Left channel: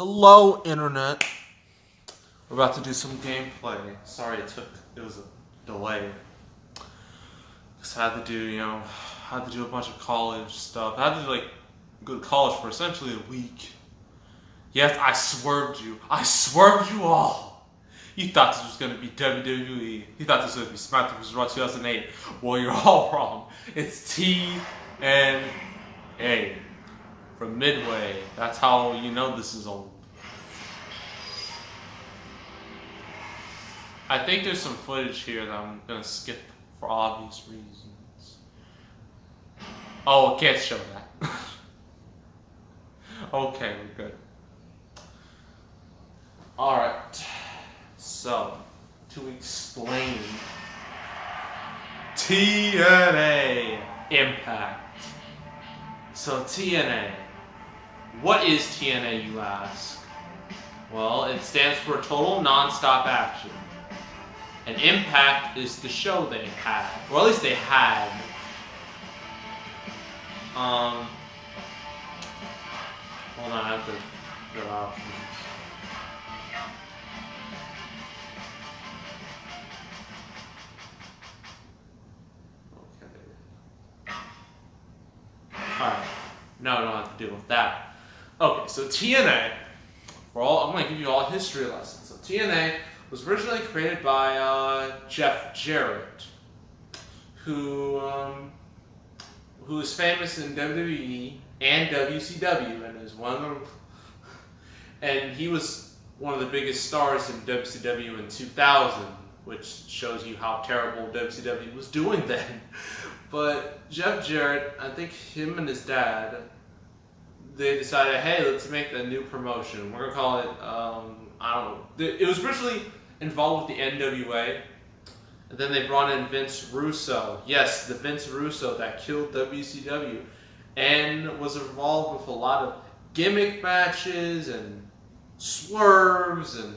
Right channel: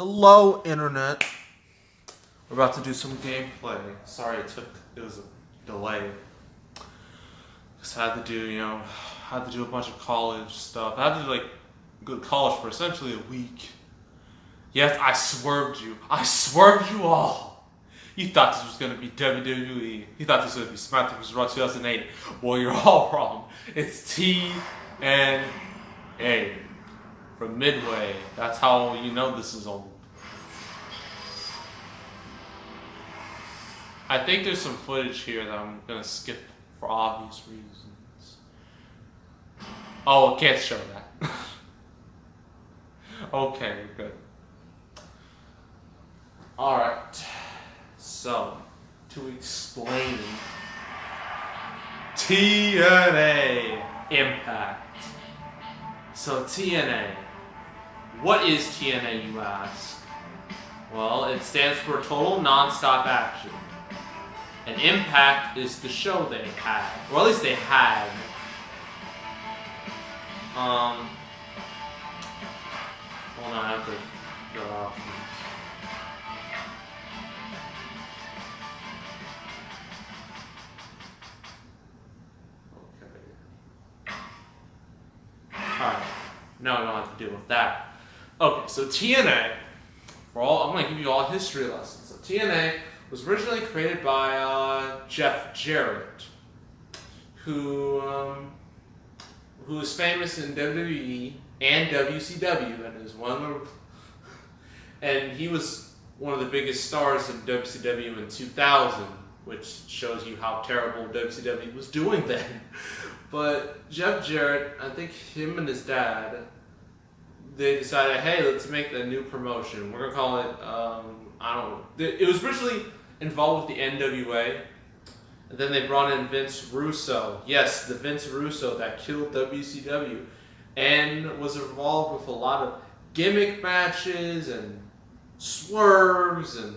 Hello, Internet. We're about to do some gameplay. Sorry, it was a delay. Cause I had to do, a bunch of college stuff. I had to go to college for essentially a week. Yes, I swerved you. I swerved you all. You thought this was gonna be WWE. You thought this was gonna be SmackDown vs. Raw 2008. Well, you're all wrong. It's TNA from Midway. That's how you know this is old. I think there's some footage here that I'm gonna skip for obvious reasons. Oh, I can't show that. Okay, we're good. Alright. So, to explain TNA IMPACT. So, TNA. What is TNA, you ask? Well, it stands for Total Non-Stop Action. And Impact is the show they had. Or at least they had. Hold on, I have to go out. Okay. Alright. Now I don't have to deal with that. Okay, so TNA, I'm going to give you all history lessons. So TNA was originally created by Jeff Jarrett, who is famous in WWE and WCW, and he was one of the biggest stars in WCW in 2000, which shows you how terrible WCW was doing then. But Jeff Jarrett, I think him and his dad, they decided, hey, let's make a new promotion. We're gonna call it, I don't know. It was originally involved with the NWA, and then they brought in Vince Russo. Yes, the Vince Russo that killed WCW, and was involved with a lot of gimmick matches and swerves and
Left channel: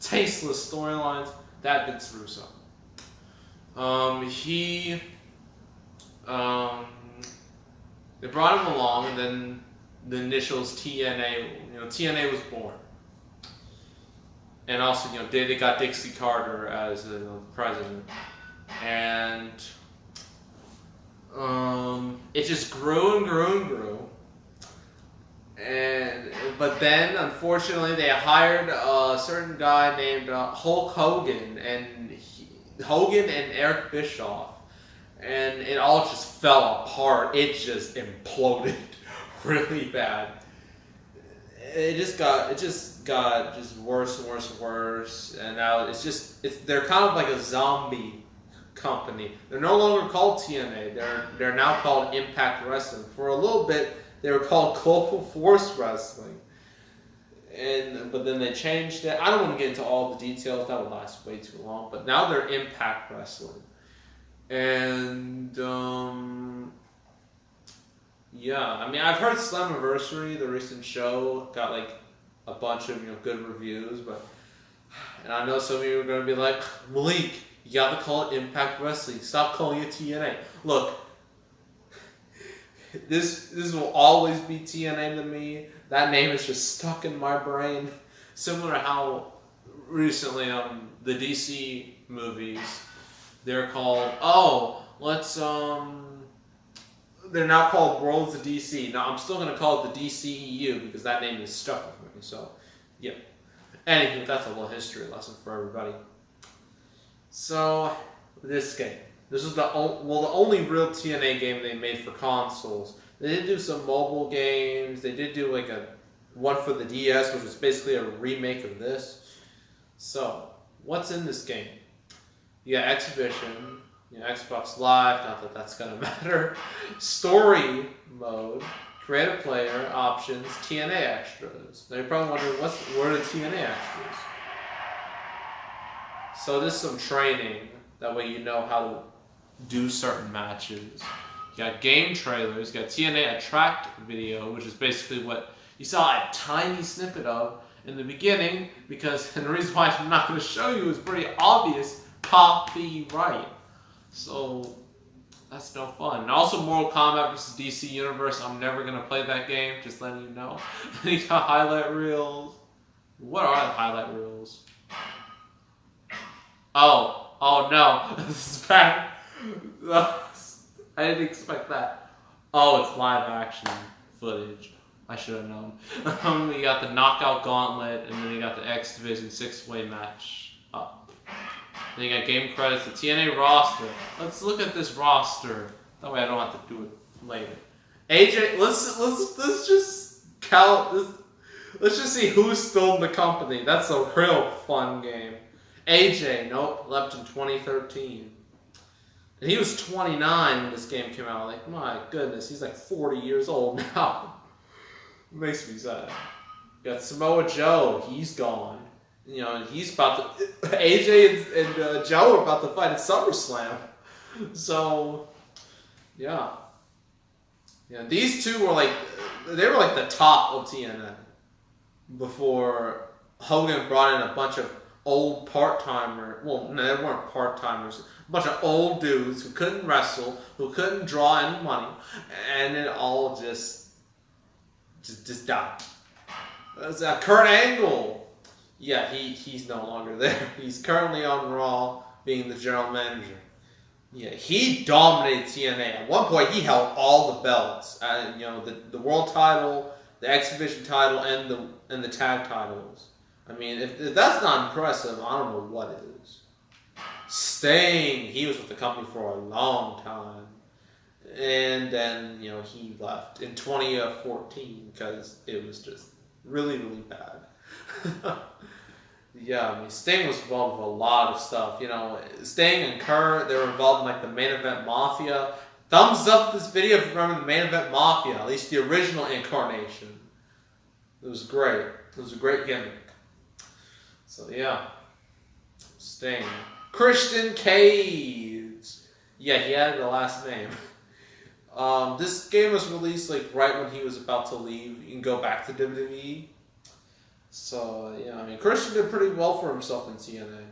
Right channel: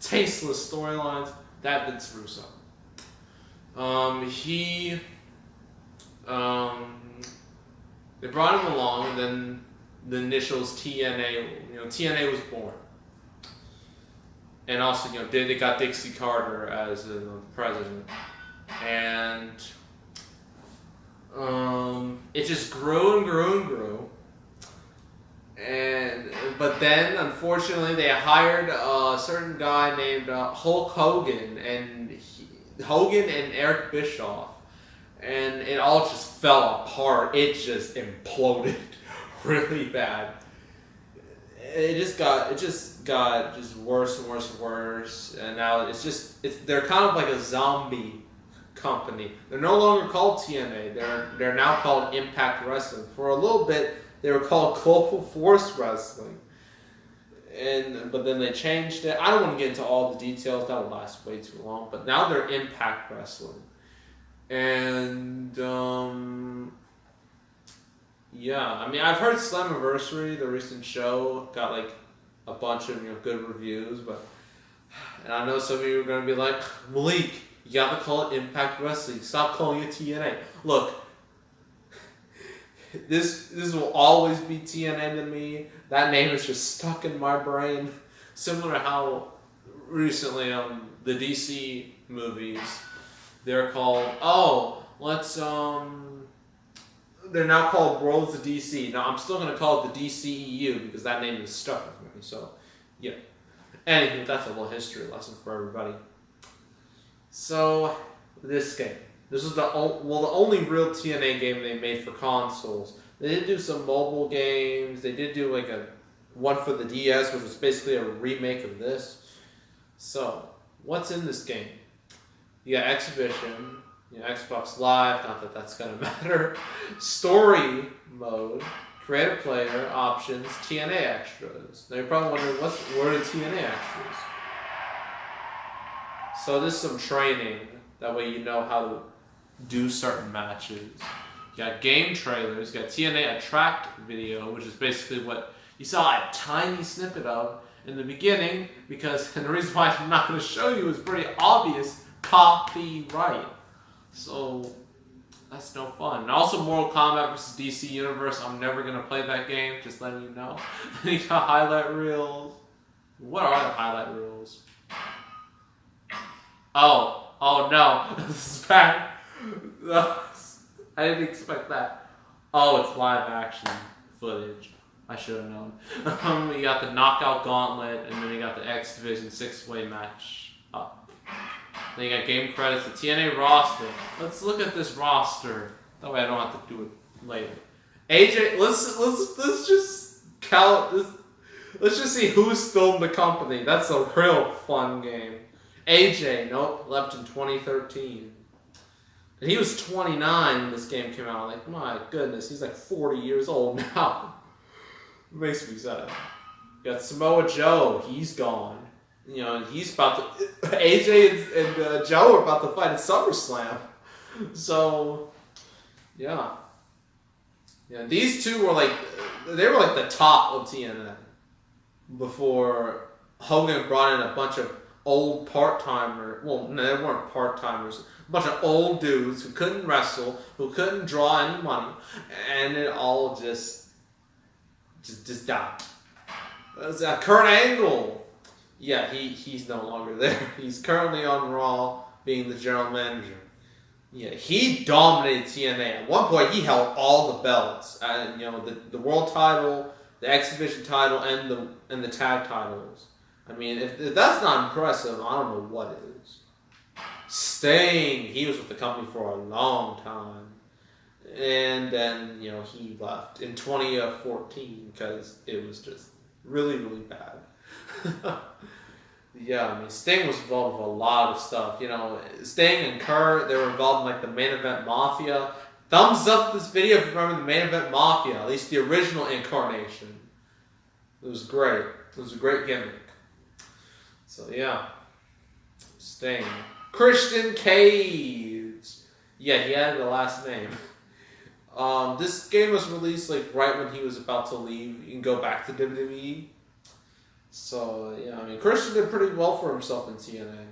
tasteless storylines. That Vince Russo. They brought him along, and then the initials TNA. TNA was born. And also, they got Dixie Carter as the president. And it just grew and grew and grew. But then, unfortunately, they hired a certain guy named Hulk Hogan, and Hogan and Eric Bischoff. And it all just fell apart. It just imploded really bad. It just got worse and worse and worse, and now they're kind of like a zombie company. They're no longer called TNA. They're now called Impact Wrestling. For a little bit, they were called Global Force Wrestling, but then they changed it. I don't want to get into all the details. That would last way too long. But now they're Impact Wrestling, and yeah, I've heard Slammiversary, the recent show, got a bunch of good reviews, and I know some of you are going to be like, Malik, you got to call it Impact Wrestling. Stop calling it TNA. Look, this will always be TNA to me. That name is just stuck in my brain. Similar to how recently the DC movies, they're called, they're now called Worlds of DC. Now, I'm still going to call it the DCEU because that name is stuck with me. So, yeah. Anywho, that's a little history lesson for everybody. So, this game. This is the only real TNA game they made for consoles. They did do some mobile games. They did do one for the DS, which is basically a remake of this. So, what's in this game? You got Exhibition. Xbox Live, not that that's going to matter. Story mode, creative player, options, TNA extras. Now you're probably wondering, what are the TNA extras? So there's some training. That way you know how to do certain matches. You got game trailers. You got TNA Attract video, which is basically what you saw a tiny snippet of in the beginning, and the reason why I'm not going to show you is pretty obvious: copyright. So, That's no fun. And also Mortal Kombat vs. DC Universe. I'm never going to play that game, just letting you know. You got highlight reels. What are the highlight reels? Oh no. This is bad. I didn't expect that. Oh, it's live action footage. I should have known. You got the Knockout Gauntlet, and then you got the X Division 6-way match up. Then you got game credits, the TNA roster. Let's look at this roster. That way I don't have to do it later. AJ, let's just count this. Let's just see who's still in the company. That's a real fun game. AJ, nope, left in 2013. And he was 29 when this game came out. Like, my goodness, he's like 40 years old now. Makes me sad. You got Samoa Joe, he's gone. You know, he's about to. AJ and Joe are about to fight at SummerSlam. So, yeah. Yeah, these two were like, they were like the top of TNA before Hogan brought in a bunch of old part-timers. Well, no, they weren't part-timers. A bunch of old dudes who couldn't wrestle, who couldn't draw any money, and it all just died. Kurt Angle. Yeah, he's no longer there. He's currently on Raw, being the general manager. Yeah, he dominated TNA. At one point, he held all the belts. You know, the world title, the X Division title, and the tag titles. I mean, if that's not impressive, I don't know what it is. Sting, he was with the company for a long time. And then, you know, he left in 2014 because it was just really, really bad. Yeah, I mean, Sting was involved with a lot of stuff. You know, Sting and Kurt, they were involved in, like, the Main Event Mafia. Thumbs up this video if you remember the Main Event Mafia, at least the original incarnation. It was great. It was a great gimmick. So, yeah. Sting. Christian Cage. Yeah, he had the last name. This game was released, like, right when he was about to leave. You can go back to WWE. So, yeah, I mean, Christian did pretty well for himself in TNA.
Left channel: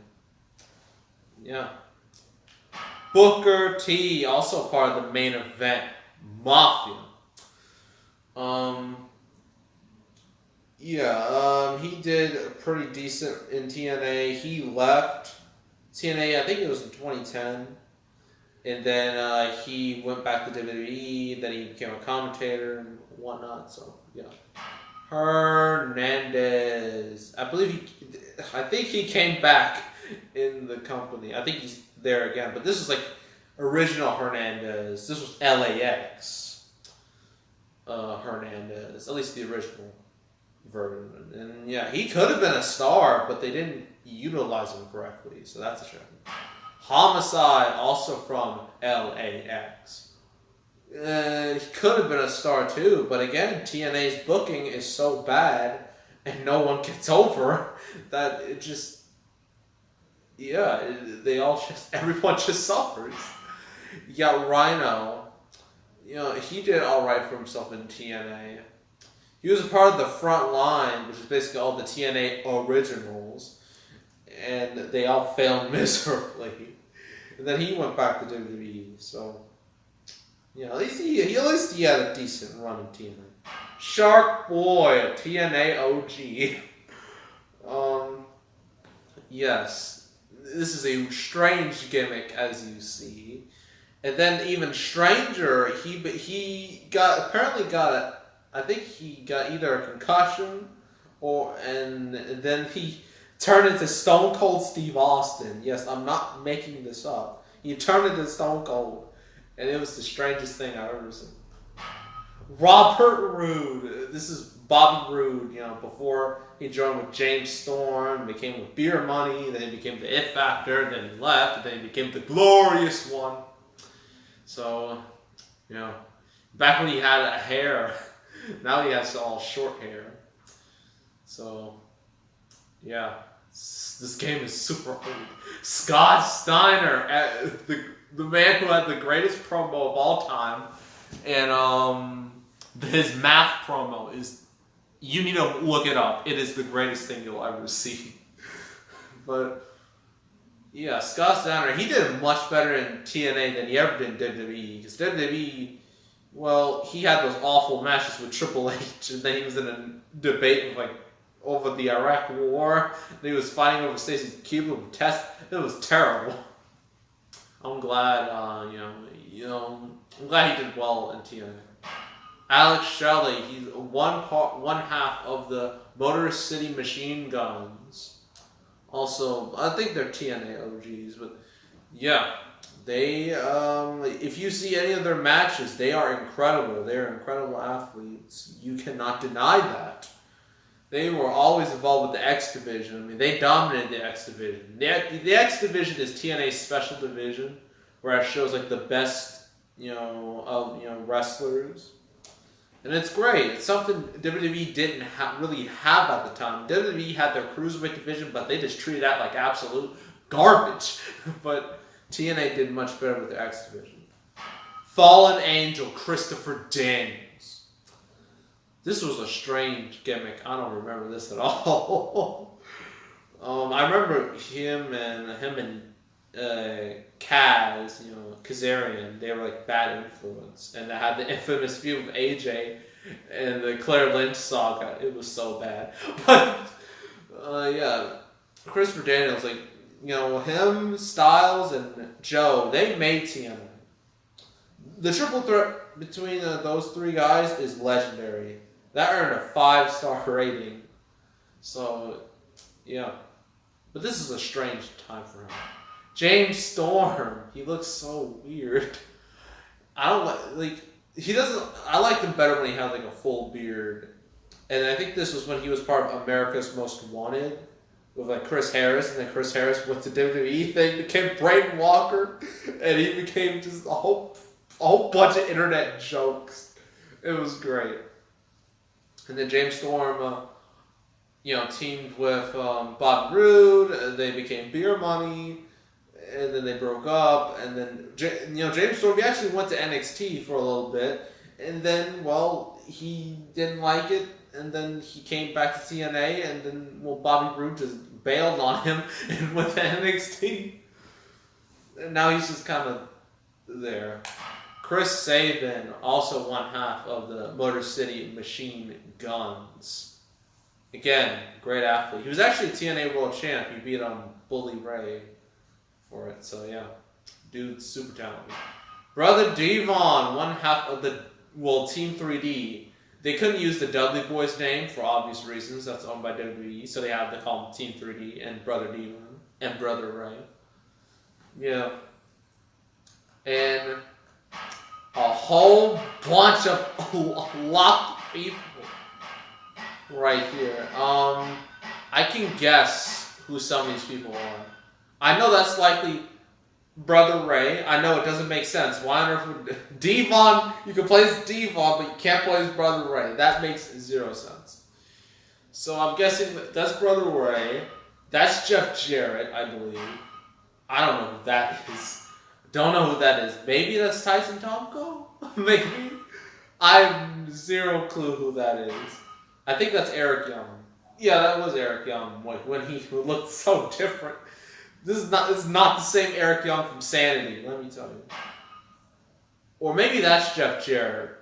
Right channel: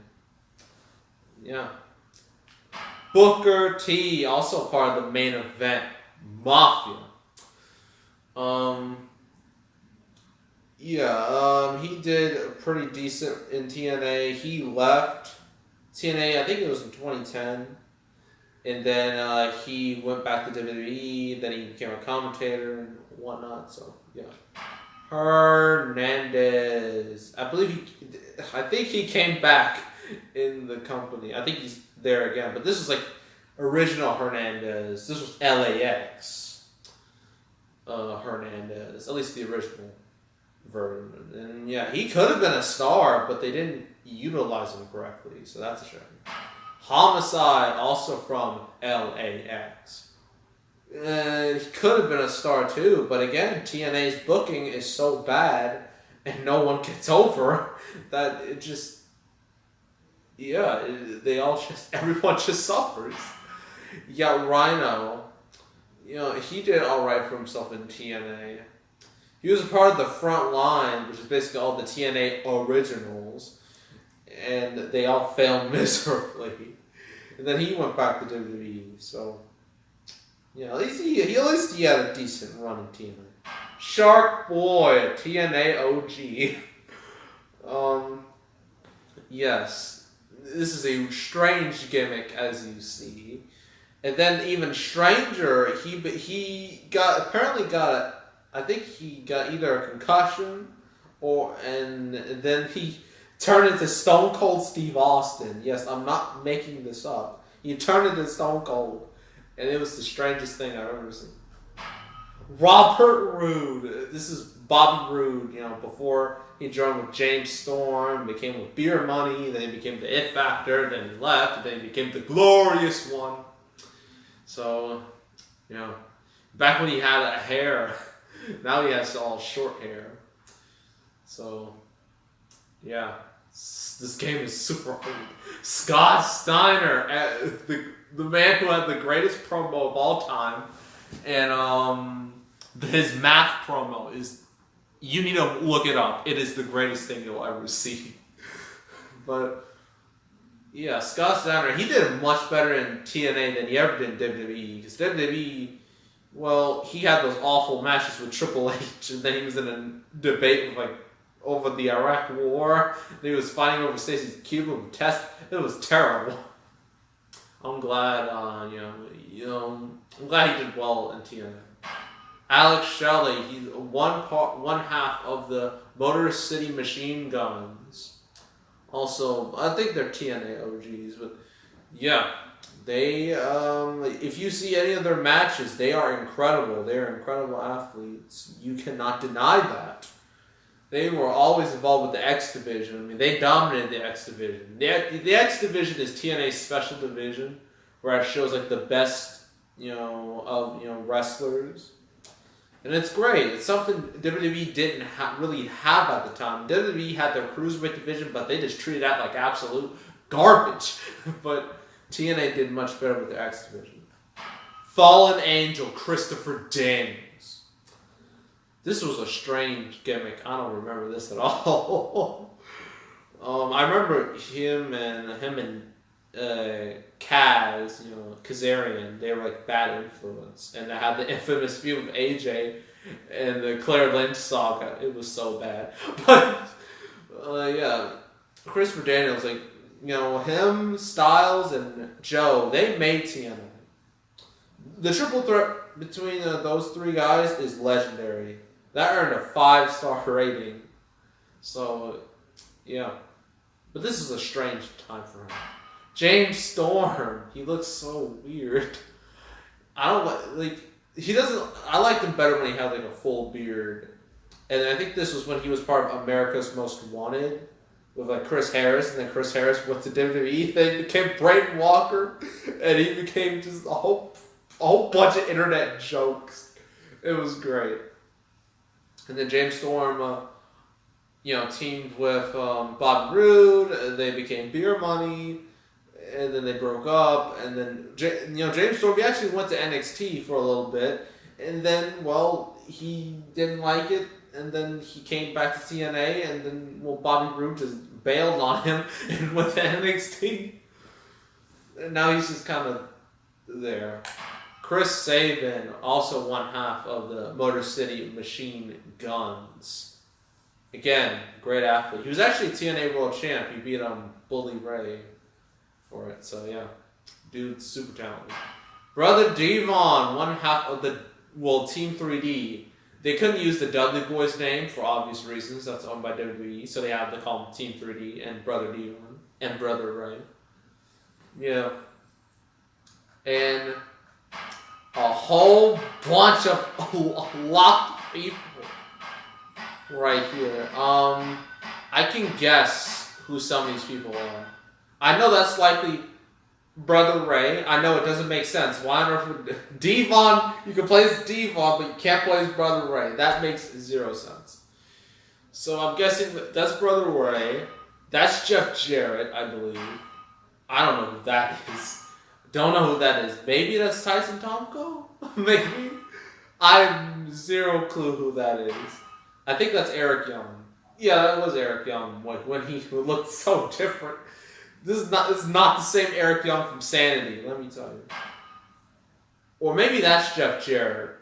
Yeah. Booker T, also part of the Main Event Mafia. He did pretty decent in TNA. He left TNA, I think it was in 2010. And then he went back to WWE. Then he became a commentator and whatnot. So, yeah. Hernandez. I think he came back in the company. I think he's there again. But this is like original Hernandez. This was LAX Hernandez. At least the original version. And yeah, he could have been a star, but they didn't utilize him correctly. So that's a shame. Homicide, also from LAX. He could have been a star too, but again, TNA's booking is so bad and no one gets over that it just, everyone just suffers. You got Rhino. You know, he did alright for himself in TNA. He was a part of the front line, which is basically all the TNA originals, and they all failed miserably. And then he went back to WWE, so... Yeah, at least he had a decent run in TNA. Shark Boy, TNA OG. Yes, this is a strange gimmick, as you see. And then even stranger, he got I think he got either a concussion and then he turned into Stone Cold Steve Austin. Yes, I'm not making this up. He turned into Stone Cold. And it was the strangest thing I've ever seen. Robert Roode. This is Bobby Roode, you know, before he joined with James Storm, became with Beer Money, then he became the It Factor, then he left, and then he became the Glorious One. So, you know, back when he had hair, now he has all short hair. So, yeah, this game is super old. Scott Steiner, the man who had the greatest promo of all time, and his math promo is, you need to look it up. It is the greatest thing you'll ever see. But Yeah, Scott Steiner, he did much better in TNA than he ever did in WWE. Because WWE, well, he had those awful matches with Triple H, and then he was in a debate with, like, over the Iraq War, and he was fighting over Stacey Keibler test. It was terrible. I'm glad, I'm glad he did well in TNA. Alex Shelley, he's one half of the Motor City Machine Guns. Also, I think they're TNA OGs, but yeah, they. If you see any of their matches, they are incredible. They are incredible athletes. You cannot deny that. They were always involved with the X Division. I mean, they dominated the X Division. The X Division is TNA's special division, where it shows like the best, wrestlers. And it's great. It's something WWE didn't really have at the time. WWE had their cruiserweight division, but they just treated that like absolute garbage. But TNA did much better with their X division. Fallen Angel, Christopher Daniels. This was a strange gimmick. I don't remember this at all. I remember him and Kaz, Kazarian, they were like bad influence, and they had the infamous feud with AJ and the Claire Lynch saga. It was so bad, but Christopher Daniels, him, Styles, and Joe, they made TNA. The triple threat between those three guys is legendary. That earned a 5-star rating. So, yeah, but this is a strange time for him. James Storm, he looks so weird. I liked him better when he had like a full beard. And I think this was when he was part of America's Most Wanted with like Chris Harris, and then Chris Harris went to WWE, then he became Braden Walker, and he became just a whole bunch of internet jokes. It was great. And then James Storm teamed with Bobby Roode, they became Beer Money. And then they broke up, and then James Storm, he actually went to NXT for a little bit, and then he didn't like it, and then he came back to TNA, and then Bobby Roode just bailed on him and went to NXT, and now he's just kind of there. Chris Sabin, also one half of the Motor City Machine Guns. Again, great athlete. He was actually a TNA World Champ. He beat Bully Ray for it, so yeah, dude's super talented. Brother Devon, one half of the Team 3D. They couldn't use the Dudley Boys name for obvious reasons. That's owned by WWE, so they had to call him Team 3D and Brother Devon and Brother Ray. Yeah, and a whole bunch of locked people right here. I can guess who some of these people are. I know that's likely Brother Ray. I know it doesn't make sense. Why on earth would Devon? You can play as Devon, but you can't play as Brother Ray. That makes zero sense. So I'm guessing that's Brother Ray. That's Jeff Jarrett, I believe. I don't know who that is. Don't know who that is. Maybe that's Tyson Tomko? Maybe. I have zero clue who that is. I think that's Eric Young. Yeah, that was Eric Young when he looked so different. This is not the same Eric Young from Sanity, let me tell you. Or maybe that's Jeff Jarrett.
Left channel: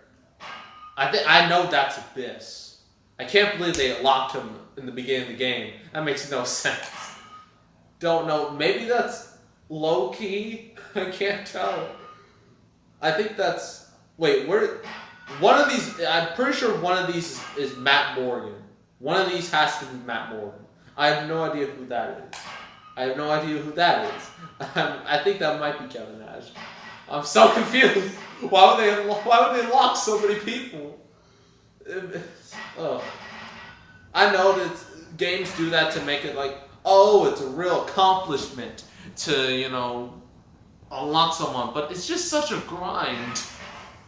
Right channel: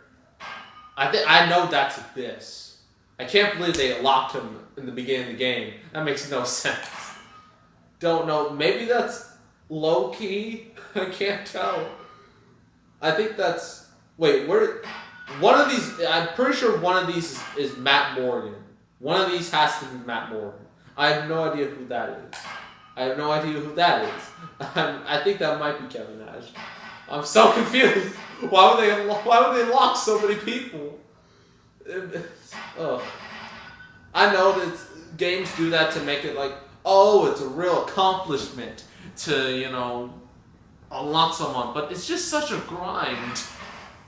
I know that's Abyss. I can't believe they locked him in the beginning of the game. That makes no sense. Don't know. Maybe that's low key. I can't tell. I think that's. Wait, where? One of these. I'm pretty sure one of these is Matt Morgan. One of these has to be Matt Morgan. I have no idea who that is. I have no idea who that is. I think that might be Kevin Nash. I'm so confused. Why would they lock so many people? Oh. I know that games do that to make it like, oh, it's a real accomplishment to, unlock someone. But it's just such a grind.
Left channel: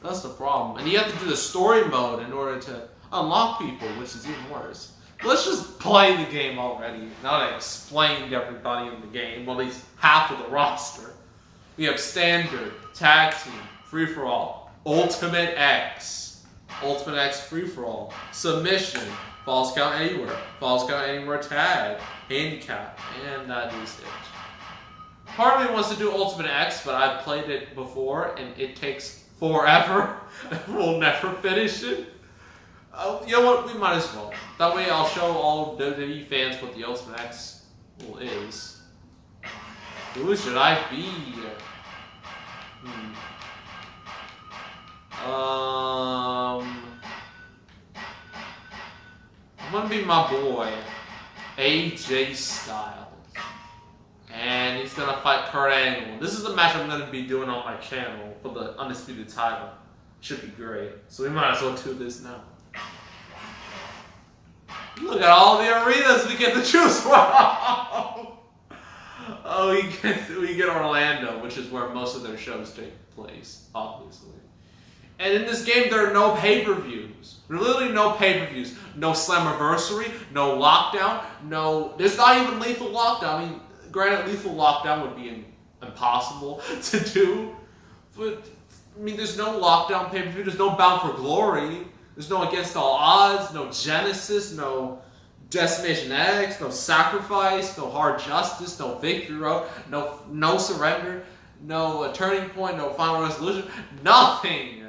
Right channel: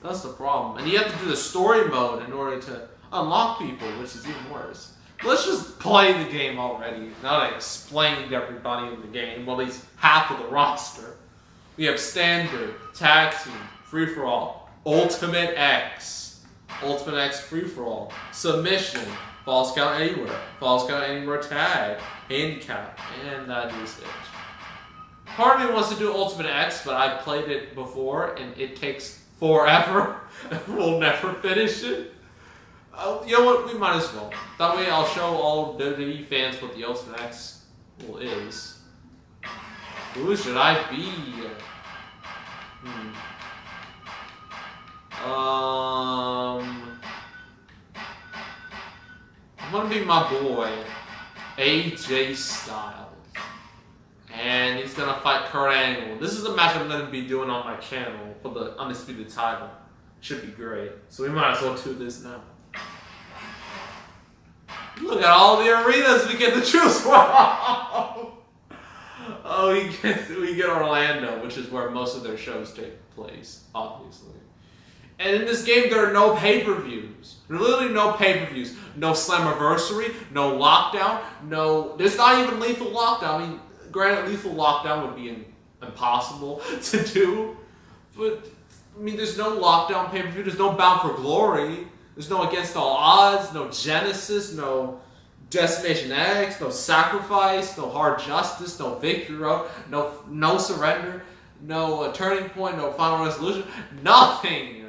That's the problem. And you have to do the story mode in order to unlock people, which is even worse. Let's just play the game already. Now that I explained everybody in the game, well, at least half of the roster. We have Standard, Tag Team, Free-For-All, Ultimate X Free-For-All, Submission, Falls Count Anywhere, Falls Count Anywhere Tag, Handicap, and that is it. Part of me wants to do Ultimate X, but I've played it before and it takes forever. We'll never finish it. You know what? We might as well. That way I'll show all WWE fans what the Ultimate X is. Who should I be? I'm gonna be my boy, AJ Styles. And he's gonna fight Kurt Angle. This is the match I'm gonna be doing on my channel for the Undisputed title. Should be great. So we might as well do this now. Look at all the arenas we get to choose from. Oh, we get Orlando, which is where most of their shows take place, obviously. And in this game, there are no pay-per-views. Literally no pay-per-views. No Slammiversary, no Lockdown, no... There's not even Lethal Lockdown. I mean, granted, Lethal Lockdown would be impossible to do. But, I mean, there's no Lockdown pay-per-view. There's no Bound for Glory. There's no Against All Odds, no Genesis, no Destination X, no Sacrifice, no Hard Justice, no Victory Road, no Surrender, no Turning Point, no Final Resolution. Nothing!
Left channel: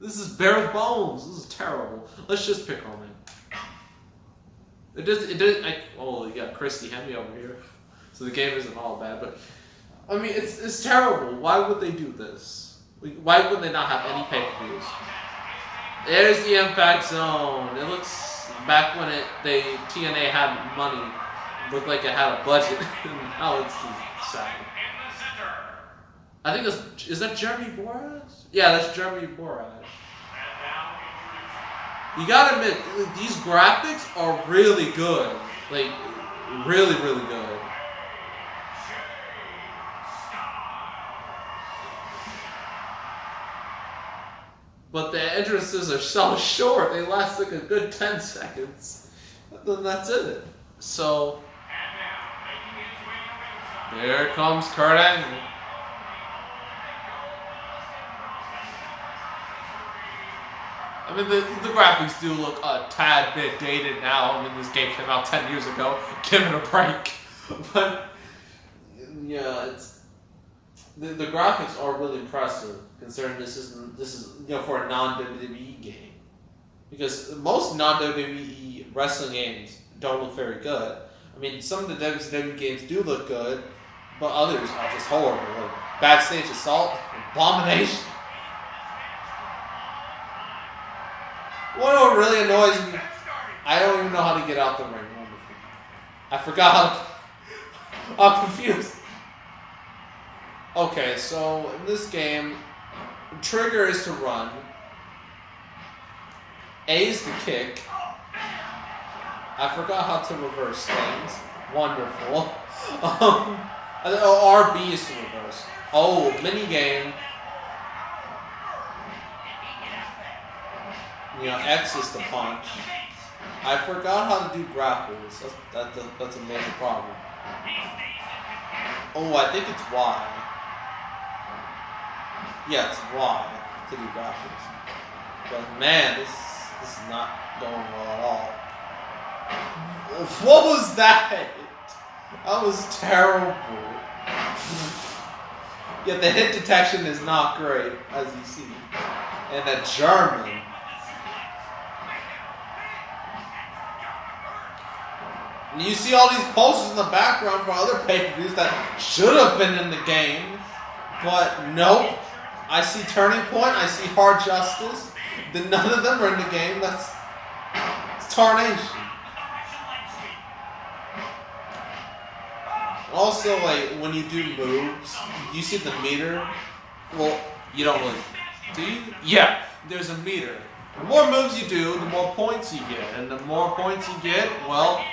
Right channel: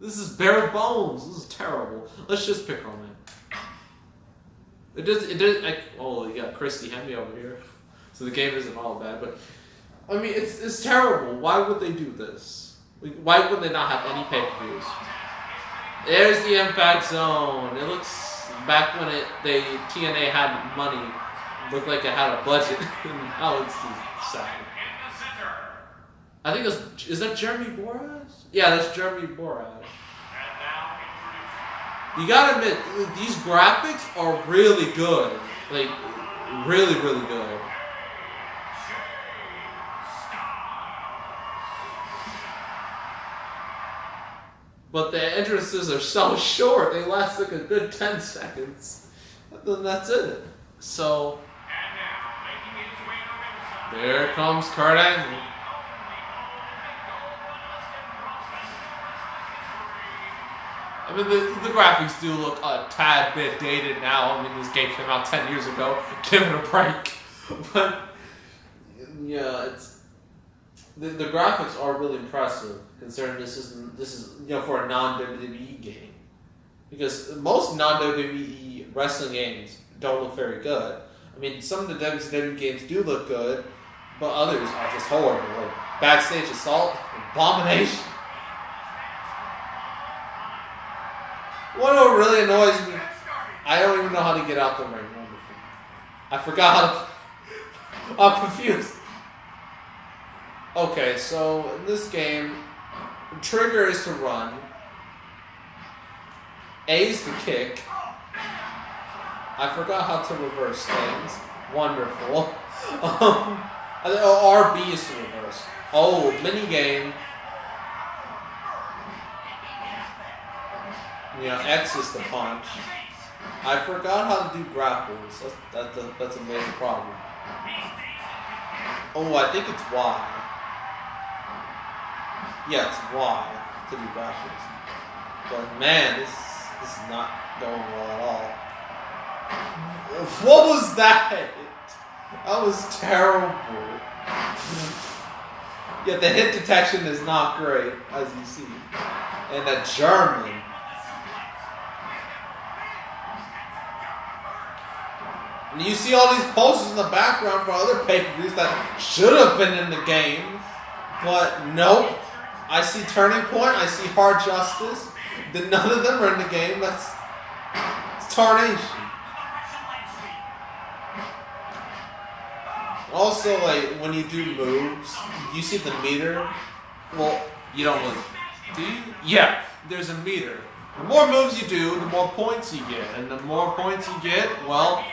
This is bare bones. This is terrible. Let's just pick Roman. Oh, you got Christy Hemme over here. So the game isn't all bad, but I mean, it's terrible. Why would they do this? Why would they not have any pay-per-views? There's the Impact Zone. It looks back when TNA had money. It looked like it had a budget. Now it's sad. I think is that Jeremy Borash? Yeah, that's Jeremy Borash. You gotta admit, these graphics are really good. Like, really, really good. But the entrances are so short, they last like a good 10 seconds. Then that's it. So, there comes Kurt Angle. I mean, the graphics do look a tad bit dated now. I mean, this game came out 10 years ago. Give it a break. But, yeah, the graphics are really impressive, considering this is for a non-WWE game. Because most non-WWE wrestling games don't look very good. I mean, some of the WWE games do look good, but others are just horrible. Like Backstage Assault, Abomination. What really annoys me, I don't even know how to get out the ring. I forgot how I'm confused. Okay, so in this game, trigger is to run. A is to kick. I forgot how to reverse things. Wonderful. RB is to reverse. Oh, mini game. X is to punch. I forgot how to do grapples. That's a major problem. Oh, I think it's Y. Yeah, it's Y to do grapples. But man, this is not going well at all. What was that? That was terrible. Yeah, the hit detection is not great, as you see. And that German. And you see all these posters in the background for other pay-per-views that should have been in the game. But nope. I see Turning Point, I see Hard Justice. None of them are in the game. That's tarnation. Also, like, when you do moves, you see the meter. Well, you don't really. Do you? Yeah, there's a meter. The more moves you do, the more points you get. And the more points you get, well,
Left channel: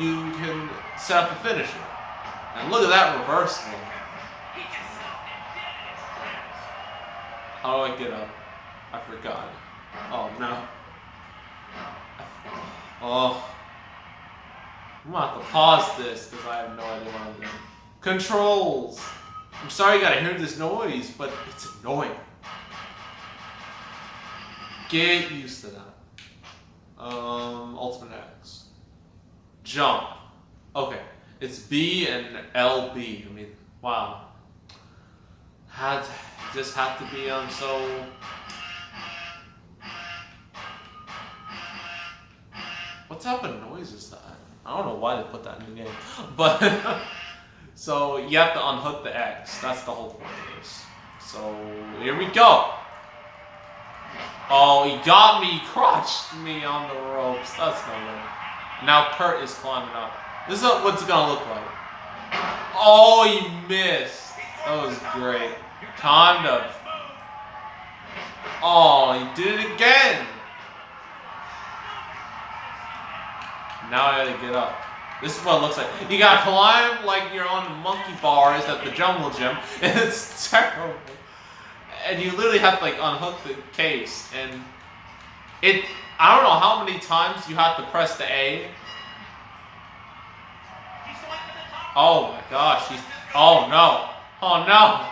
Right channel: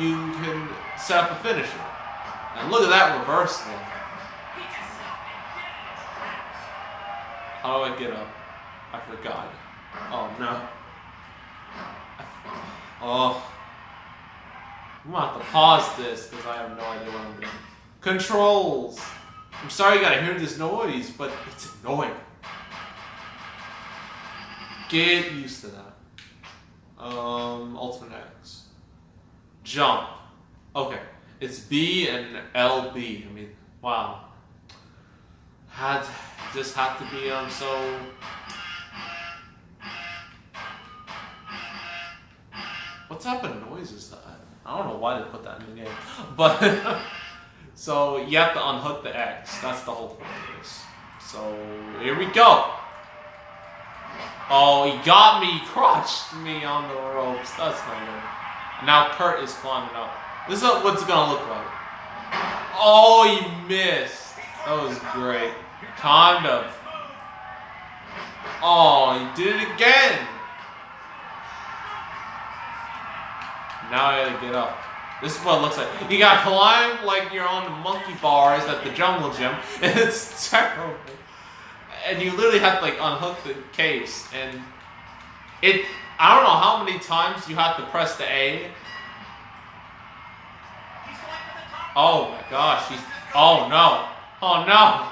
you can set up a finisher. And look at that reversal. How do I get up? I forgot. Oh, no. Oh. I'm gonna have to pause this because I have no idea what I'm doing. Controls. I'm sorry you gotta hear this noise, but it's annoying. Get used to that. Ultimate X. Jump. Okay. It's B and LB. I mean, wow. Just had to be so. What type of noise is that? I don't know why they put that in the game, but so you have to unhook the X. That's the whole point of this. So here we go. Oh, he got me, crushed me on the ropes. That's no good. Now Kurt is climbing up. This is what it's gonna look like. Oh, he missed. That was great. Timed up. Oh, he did it again. Now I gotta get up. This is what it looks like. You gotta climb like you're on the monkey bars at the jungle gym, and it's terrible. And you literally have to like unhook the case, and I don't know how many times you have to press the A. Oh my gosh, oh no. Oh no.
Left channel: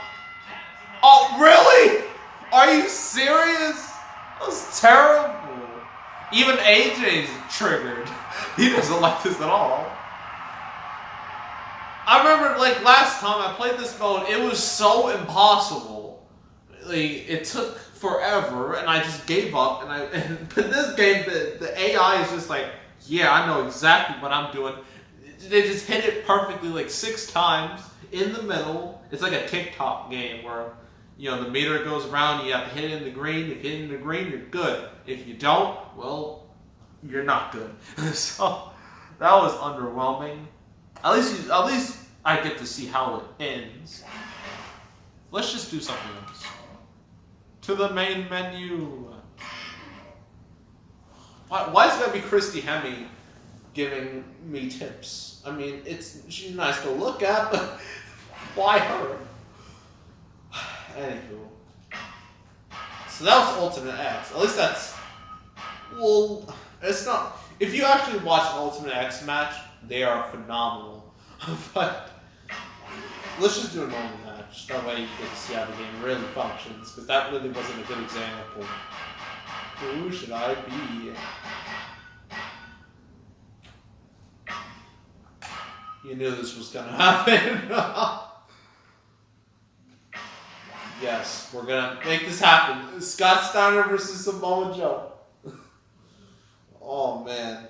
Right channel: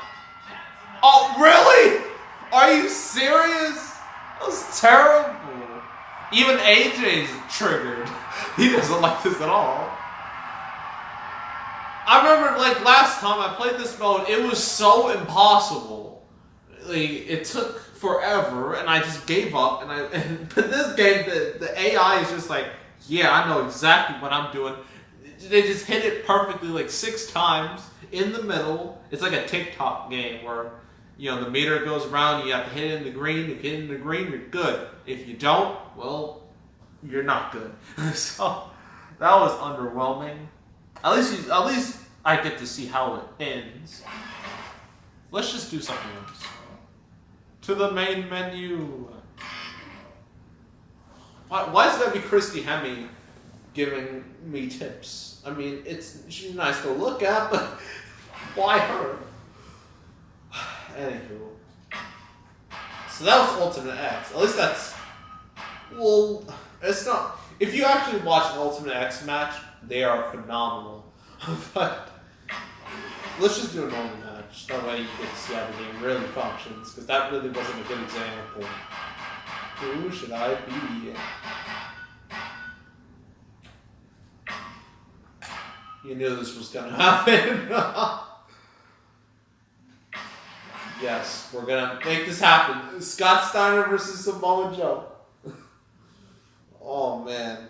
Oh really? Are you serious? That was terrible. Even AJ's triggered. He doesn't like this at all. I remember like last time I played this mode, it was so impossible. Like, it took forever, and I just gave up. And this game, the AI is just like, yeah, I know exactly what I'm doing. They just hit it perfectly like 6 times in the middle. It's like a TikTok game where, you know, the meter goes around, you have to hit it in the green. If you hit it in the green, you're good. If you don't, well, you're not good. So that was underwhelming. At least I get to see how it ends. Let's just do something else. To the main menu. Why is it gotta be Christy Hemme giving me tips? I mean, she's nice to look at, but why her? Anywho. So that was Ultimate X. At least that's... Well, it's not... If you actually watch an Ultimate X match, they are phenomenal. But let's just do a normal match. That way you get to see how the game really functions. Because that really wasn't a good example. Who should I be? You knew this was going to happen. Yes, we're going to make this happen. Scott Steiner versus Samoa Joe. Oh, man.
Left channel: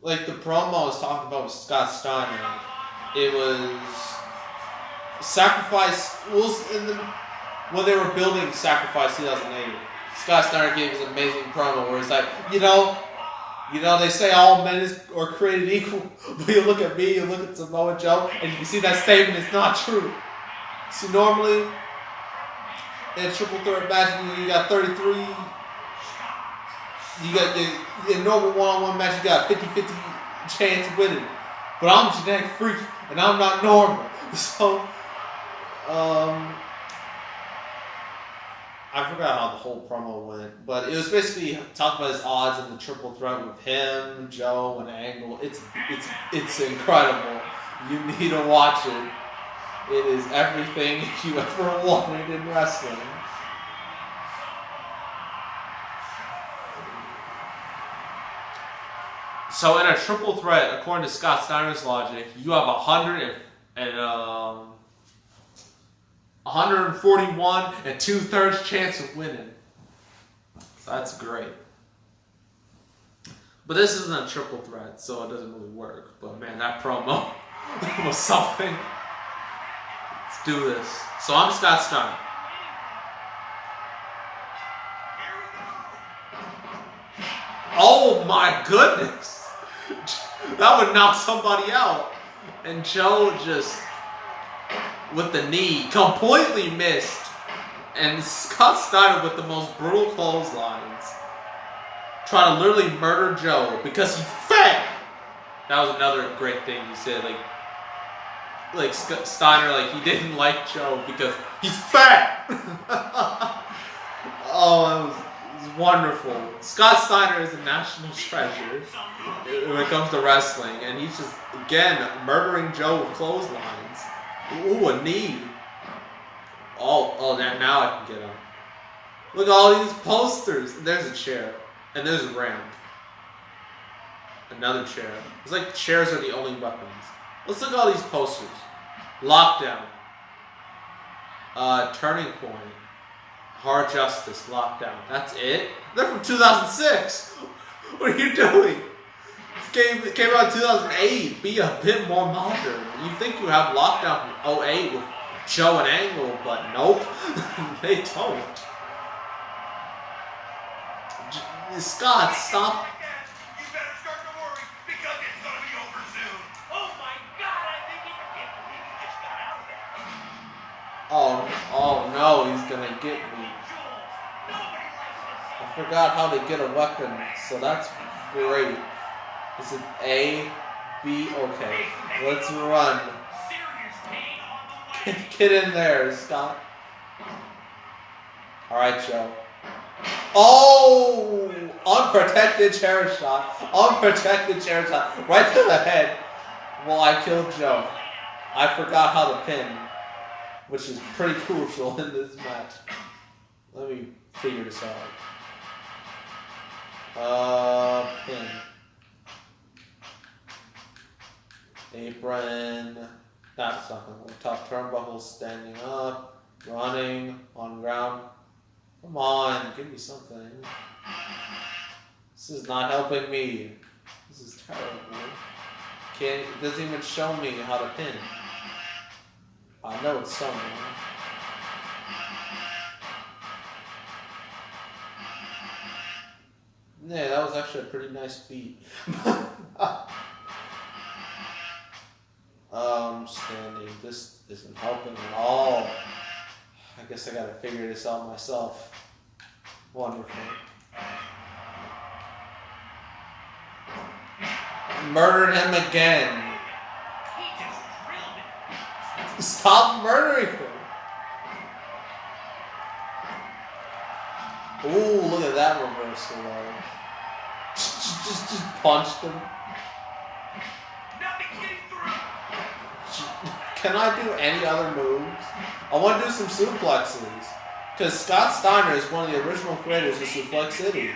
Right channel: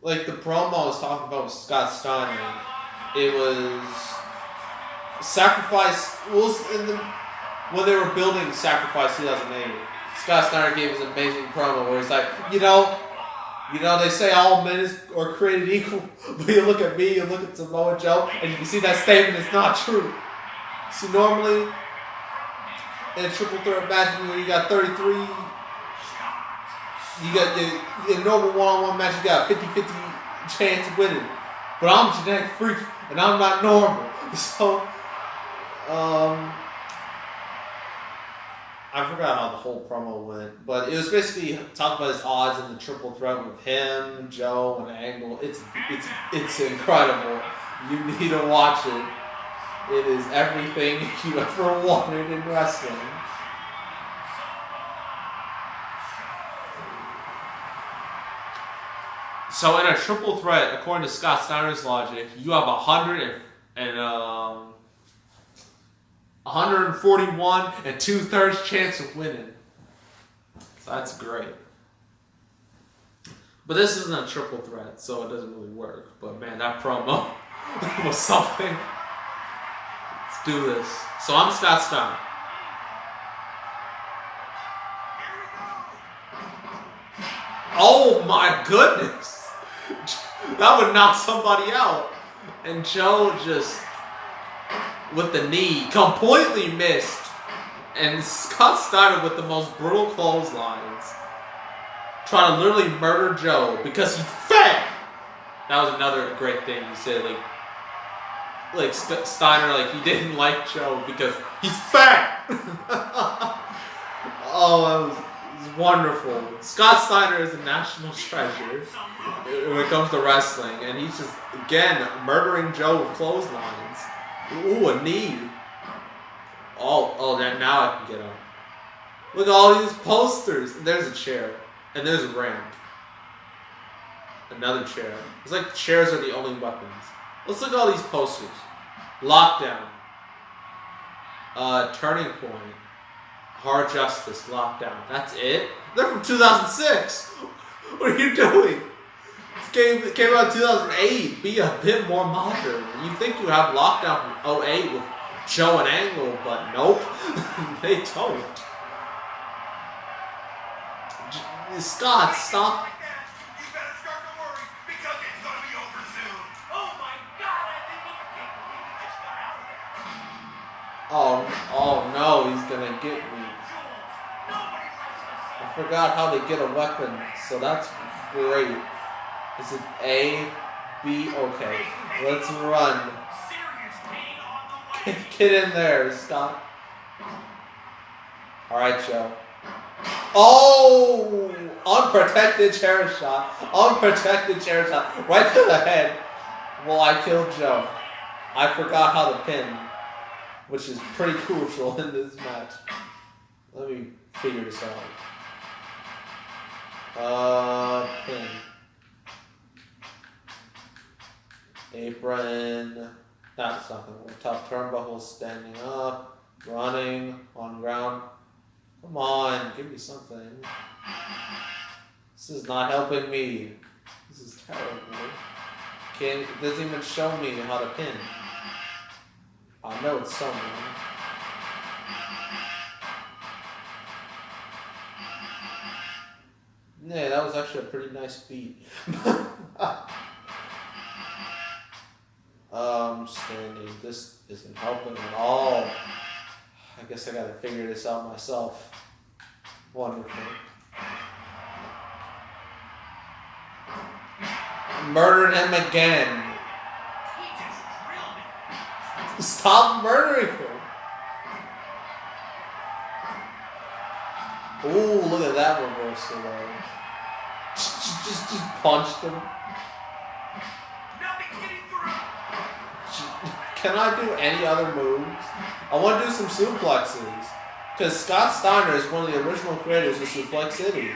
Like, the promo I was talking about with Scott Steiner, it was Sacrifice, when they were building Sacrifice 2008, Scott Steiner gave us an amazing promo where it's like, you know, they say all men are created equal, but you look at me, you look at Samoa Joe, and you can see that statement is not true. So normally, in a triple threat match, you got 33, you got in a normal one-on-one match, you got a 50-50 chance of winning. But I'm a genetic freak, and I'm not normal. So, I forgot how the whole promo went, but it was basically talking about his odds in the triple threat with him, Joe, and Angle. It's incredible. You need to watch it. It is everything you ever wanted in wrestling. So in a triple threat, according to Scott Steiner's logic, you have 141 and 2/3 chance of winning. So that's great. But this isn't a triple threat, so it doesn't really work. But man, that promo was something. Let's do this. So I'm Scott Steiner. Oh my goodness! That would knock somebody out. And Joe just, with the knee, completely missed. And Scott Steiner with the most brutal clotheslines. Trying to literally murder Joe because he's fat. That was another great thing he said. Like Steiner, like he didn't like Joe because he's fat. Oh, it was wonderful. Scott Steiner is a national treasure when it comes to wrestling, and he's just again murdering Joe with clotheslines. Ooh, a knee. Oh, now I can get up. Look at all these posters. There's a chair, and there's a ramp, Another chair. It's like chairs are the only weapons. Let's look at all these posters. Lockdown. Turning Point. Hard Justice. Lockdown. That's it? They're from 2006. What are you doing? This game came out in 2008. Be a bit more modern. You think you have Lockdown from 08 with Joe and Angle, but nope. They don't. Scott, stop. You better start to worry because it's going to be over soon. Oh my God, I think he just got out of there. Oh no, he's gonna get me. I forgot how to get a weapon, so that's great. Is it A, B? Okay, let's run. Get in there, Scott. Alright, Joe. Oh! Unprotected chair shot. Unprotected chair shot. Right to the head. Well, I killed Joe. I forgot how to pin, which is pretty crucial in this match. Let me figure this out. Pin. Apron. That's not gonna work. Top turnbuckle, standing up, running, on ground. Come on, give me something. This is not helping me. This is terrible. It doesn't even show me how to pin. I know it's somewhere. Yeah, that was actually a pretty nice beat. Standing. This isn't helping at all. I guess I gotta figure this out myself. Wonderful. Murdered him again. Stop murdering him. Ooh, look at that reversal though. Just punched him. Can I do any other moves? I want to do some suplexes. Because Scott Steiner is one of the original creators of Suplex City.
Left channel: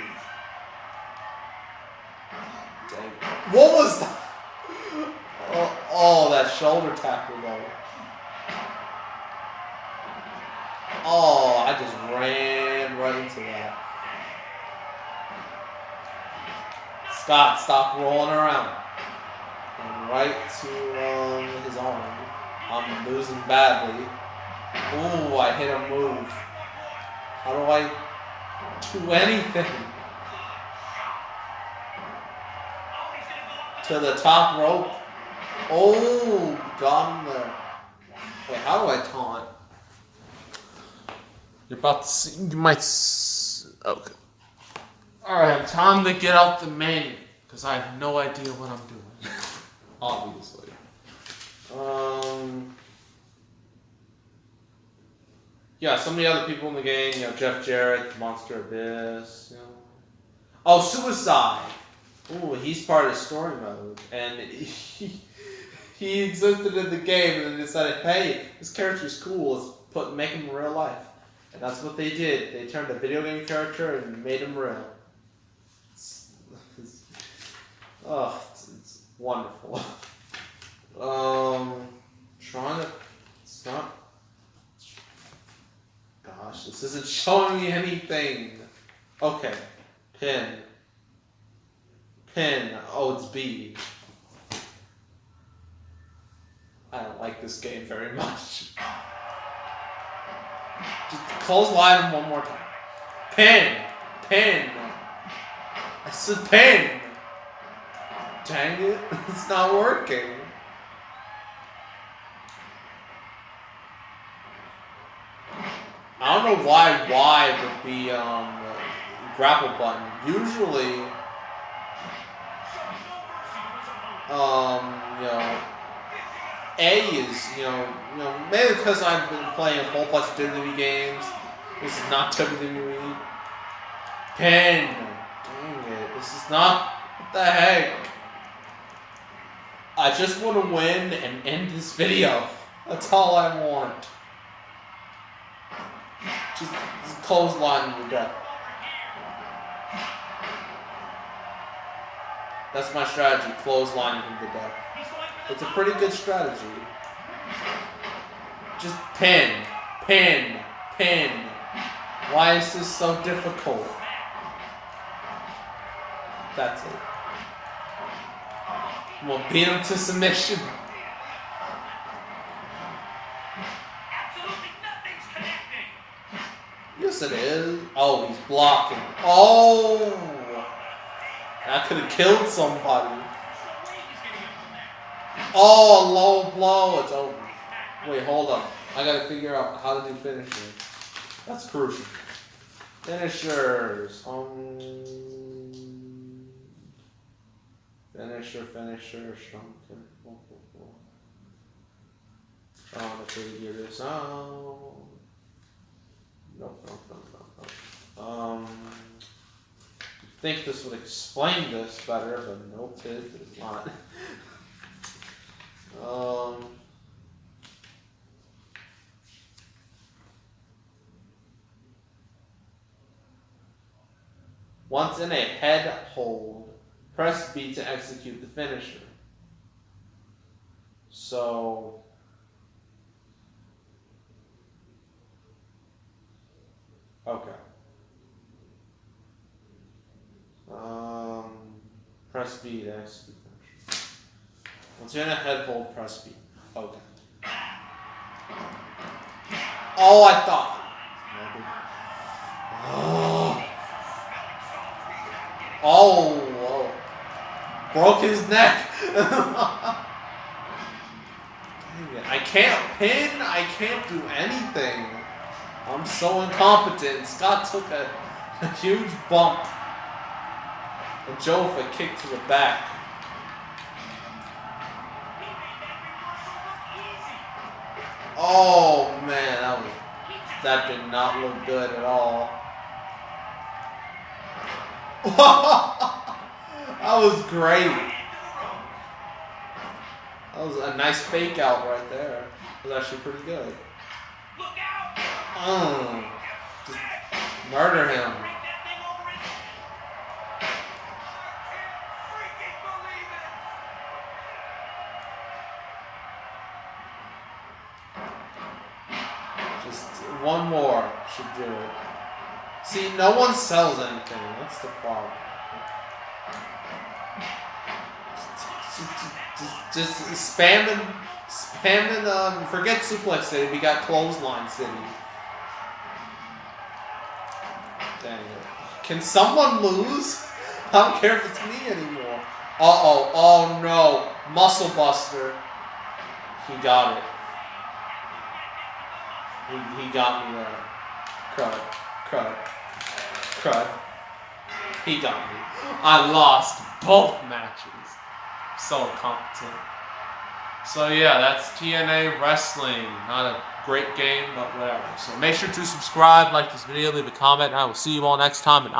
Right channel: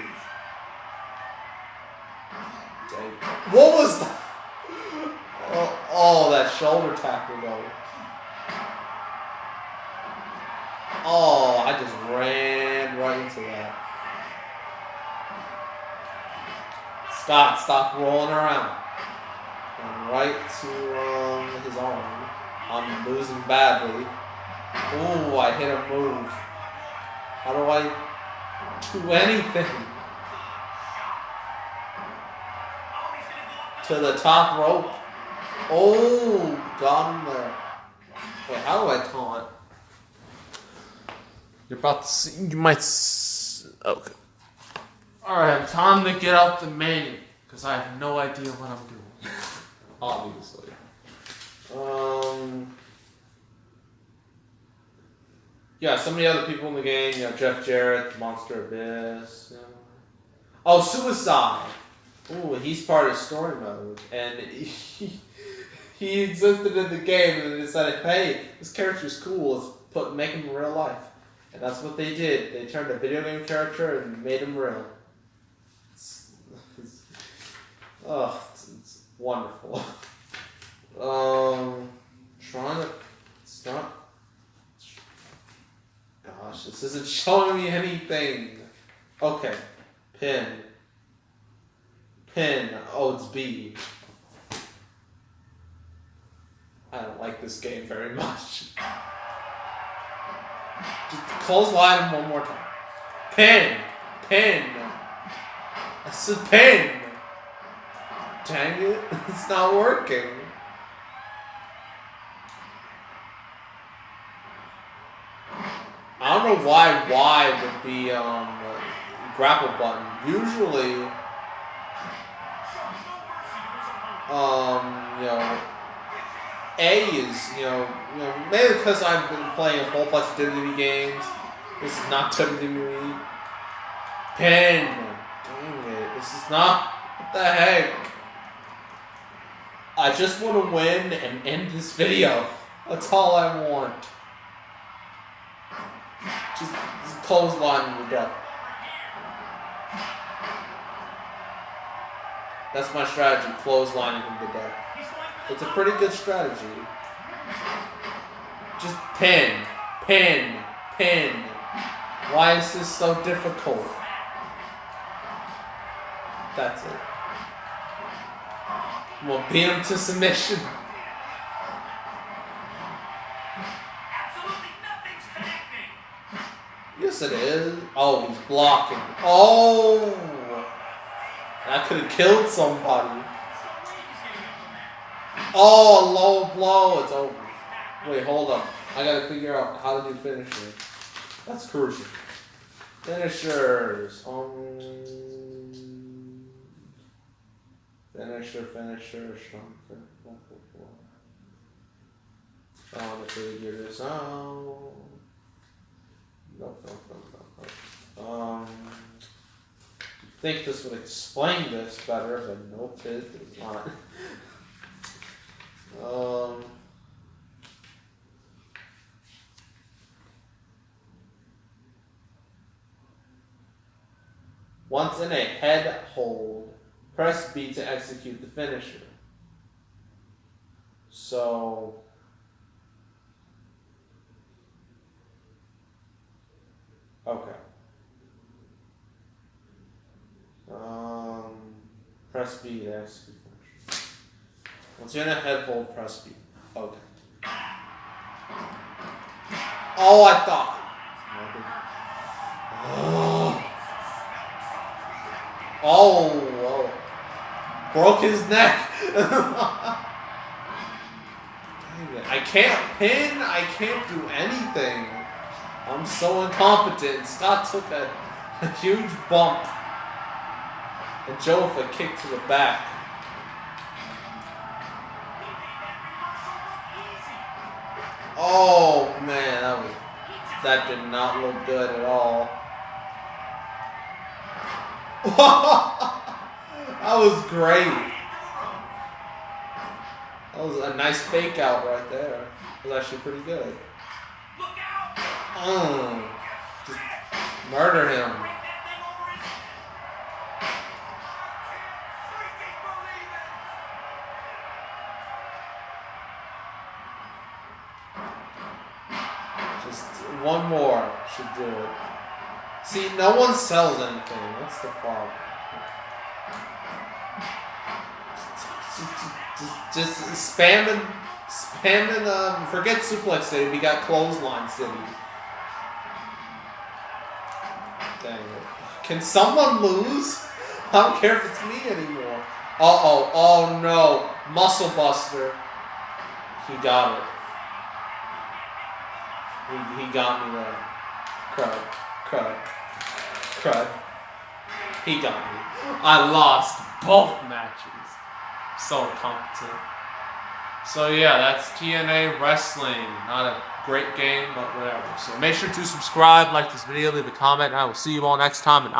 Dang. What was that? Oh, that shoulder tackle though. Oh, I just ran right into that. Scott, stop rolling around. And right to his arm. I'm losing badly. Ooh, I hit a move. How do I do anything? To the top rope. Oh, got him there. Wait, how do I taunt? You're about to see, you might okay. Alright, time to get out the menu. Because I have no idea what I'm doing. Obviously. Yeah, some of the other people in the game, you know, Jeff Jarrett, Monster Abyss. You know. Oh, Suicide! Ooh, he's part of story mode. And he existed in the game and they decided, hey, this character's cool, let's make him real life. And that's what they did. They turned a video game character and made him real. It's wonderful. Trying to stop. Gosh, this isn't showing me anything. Okay, pin. Oh, it's B. I don't like this game very much. Just close line one more time. Pin. I said pin. Dang it, it's not working. I don't know why Y with the grapple button. Usually, you know, A is, you know, maybe because I've been playing a whole bunch of WWE games. This is not WWE. Pin. Dang it, this is not, what the heck? I just want to win and end this video. That's all I want. Just clothesline and we're done. That's my strategy, clotheslining him to death. It's a pretty good strategy. Just pin. Why is this so difficult? That's it. We'll beat him to submission. Absolutely nothing's connecting. Yes, it is. Oh, he's blocking. Oh! That could have killed somebody. Oh, low blow. It's over. Wait, hold up. I gotta figure out how to do finishers. That's crucial. Finishers. Finisher. Trying to figure this out. Nope. Think this would explain this better, but nope, it did not. Once in a head hold, press B to execute the finisher. So, okay. Press B to execute the finisher. Once you're in a head hold, press B. Okay. Oh, I thought. Oh, broke his neck. I can't pin. I can't do anything. I'm so incompetent. Scott took a huge bump. And Joe with a kick to the back. Oh man, that did not look good at all. That was great. That was a nice fake out right there. It was actually pretty good. Just murder him. Just one more should do it. See, no one sells anything. That's the problem. Just spamming. Forget Suplex City. We got Clothesline City. Dang it. Can someone lose? I don't care if it's me anymore. Oh no. Muscle Buster. He got it. He got me there. Crud. He got me. I lost both matches. So competent. So yeah, that's TNA Wrestling. Not a great game, but whatever. So make sure to subscribe, like this video, leave a comment, and I will see you all next time. And